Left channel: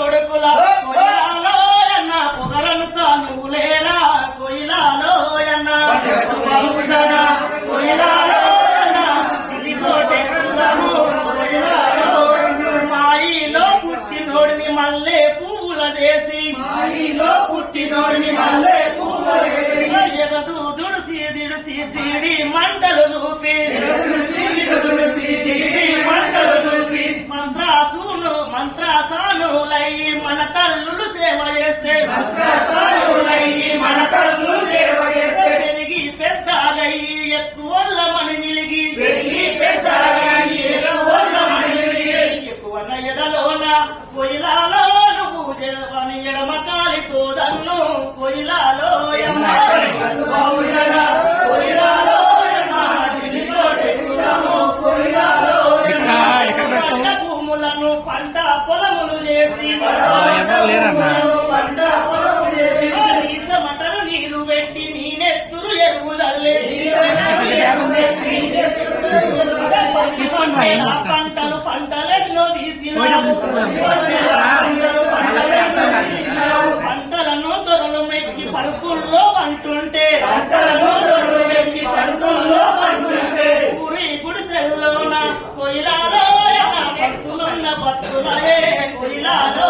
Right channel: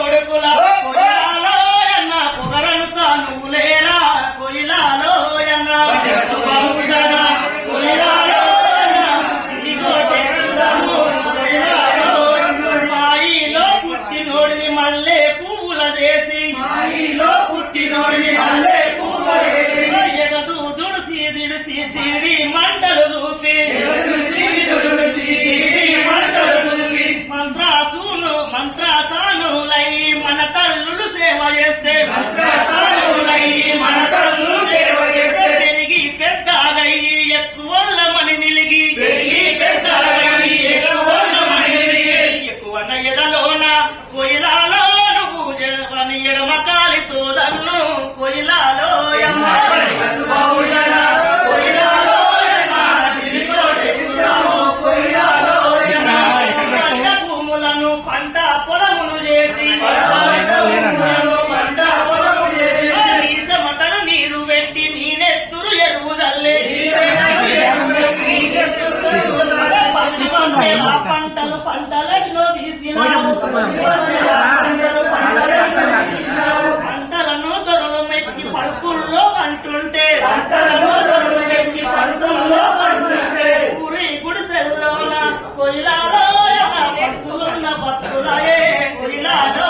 కొడుకులా కొయిలాలో అన్న పొగరను చానులేరా కొయిలాలో అన్న కొయిలాలో మాయిలో పుట్టినోడిని మల్లె పువ్వుల చేసి ఎగదు దుడిసి దిడిసి చీడి మంటలు చూపి మంత్రాసానులై మన తల్లులు సేవ చేస్తే పెరిగి పెద్దగయ్యి ఎక్కువల్లమని నిలిగి ఎక్కువన్న ఎదలోన కొయిలాలో నువ్వు జవని ఎడమ కాలితో దన్ను కొయిలాలో భూములను పంట పొలమును చేసి మటను నీరు పెట్టి నీనెత్తురు ఎరువు చల్లే పంటలెన్నో తీసినావు పంటలను దొరలు మెచ్చి పరుపుల్లో పంటుంటే ఊరి గుడిసెల్లోన కొయిలాలో పశువులున్న భక్తులే కొయిలాలో